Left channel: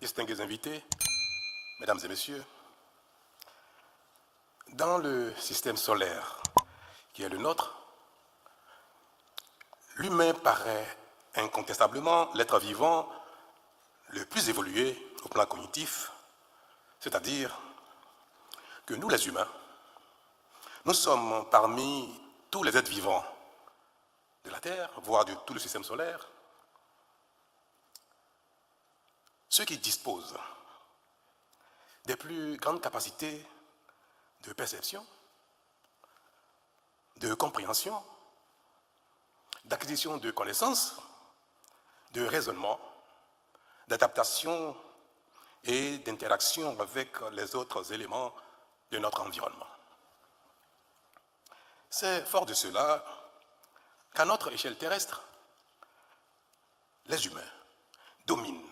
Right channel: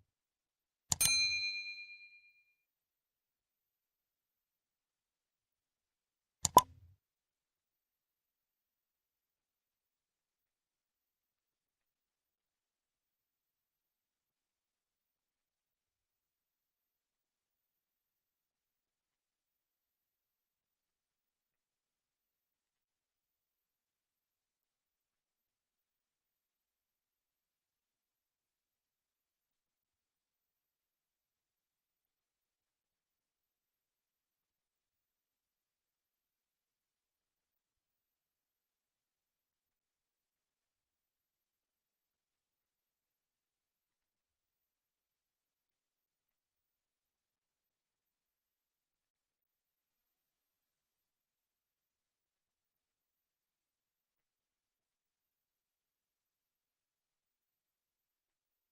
distingués invités, mesdames et messieurs, dans le système solaire qui est le nôtre, l'humain paraît incontestablement l'être vivant le plus évolué au plan cognitif, c'est-à-dire que nous les humains, nous sommes parmi tous les êtres vivants de la Terre, voire de tout le système solaire, ceux qui disposent des plus grandes capacités de perception, de compréhension, d'acquisition de connaissances, de raisonnement, d'adaptation et d'interaction avec les autres éléments de notre environnement. C'est fort de cela qu'à notre échelle terrestre, les humains dominent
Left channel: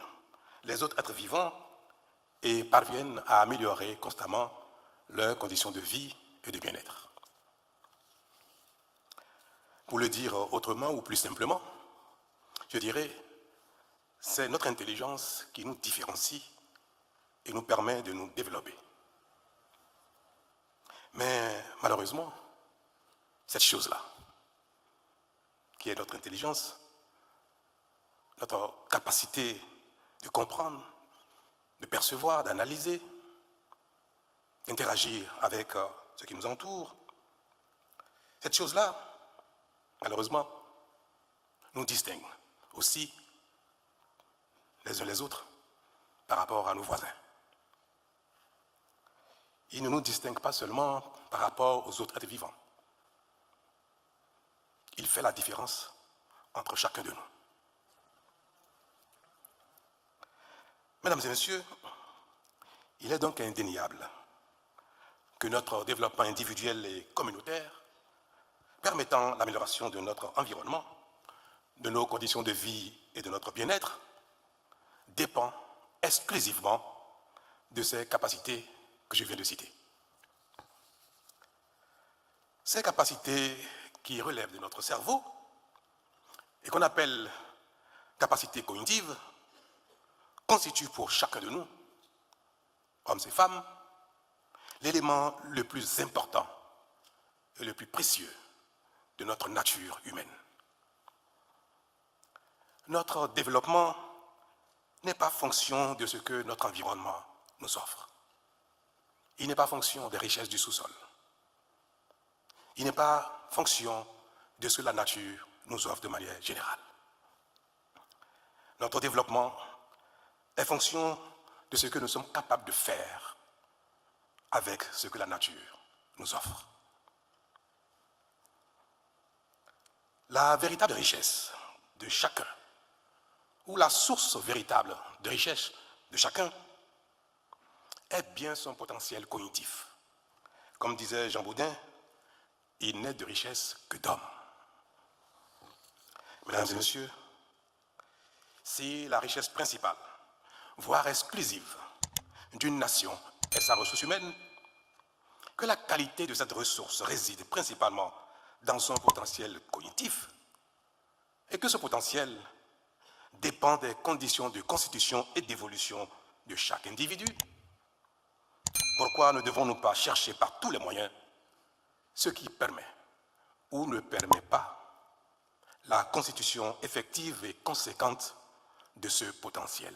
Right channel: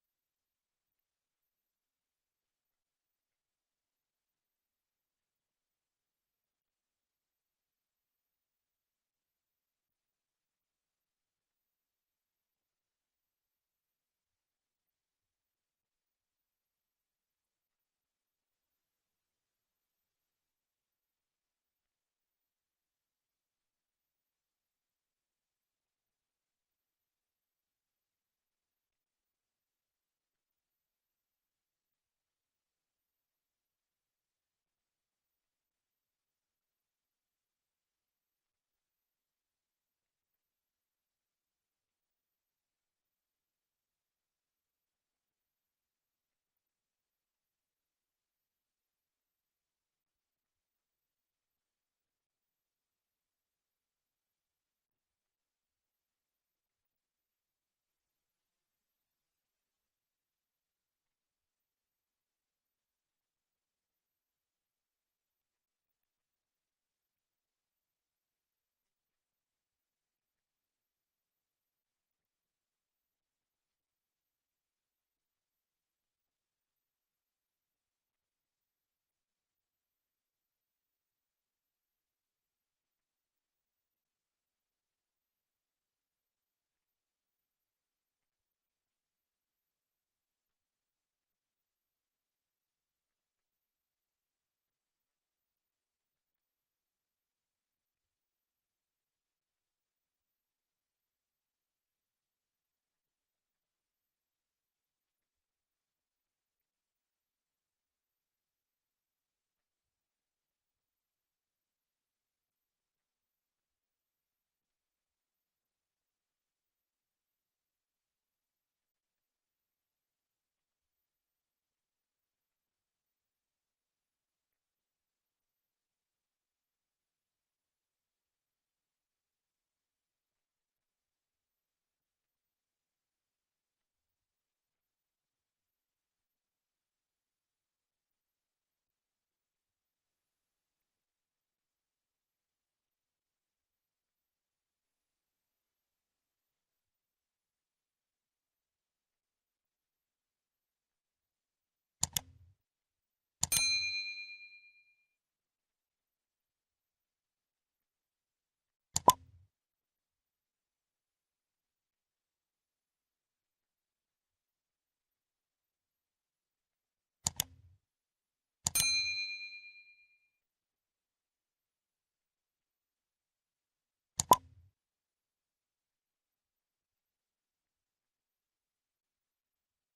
les autres êtres vivants et parviennent à améliorer constamment leurs conditions de vie et de bien-être. Pour le dire autrement ou plus simplement, je dirais, c'est notre intelligence qui nous différencie et nous permet de nous développer. Mais malheureusement, cette chose-là, qui est notre intelligence, notre capacité de comprendre, de percevoir, d'analyser, d'interagir avec ce qui nous entoure, cette chose-là, malheureusement, nous distingue aussi les uns les autres par rapport à nos voisins. Il ne nous distingue pas seulement par rapport aux autres êtres vivants. Il fait la différence entre chacun de nous. Mesdames et messieurs, il est donc indéniable que notre développement individuel et communautaire, permettant l'amélioration de notre environnement, de nos conditions de vie et de notre bien-être, dépend exclusivement de ces capacités que je viens de citer. Ces capacités qui relèvent de notre cerveau et qu'on appelle capacités cognitives constituent pour chacun de nous, hommes et femmes, l'élément le plus important et le plus précieux de notre nature humaine. Notre développement n'est pas fonction de ce que notre environnement nous offre. Il n'est pas fonction des richesses du sous-sol. Il n'est pas fonction de ce que la nature nous offre de manière générale. Notre développement est fonction de ce que nous sommes capables de faire avec ce que la nature nous offre. La véritable richesse de chacun, ou la source véritable de richesse de chacun, est bien son potentiel cognitif. Comme disait Jean Baudin, il n'est de richesse que d'homme. Mesdames et messieurs, si la richesse principale, voire exclusive, d'une nation est sa ressource humaine, que la qualité de cette ressource réside principalement dans son potentiel cognitif, et que ce potentiel dépend des conditions de constitution et d'évolution de chaque individu, pourquoi ne devons-nous pas chercher par tous les moyens ce qui permet ou ne permet pas la constitution effective et conséquente de ce potentiel?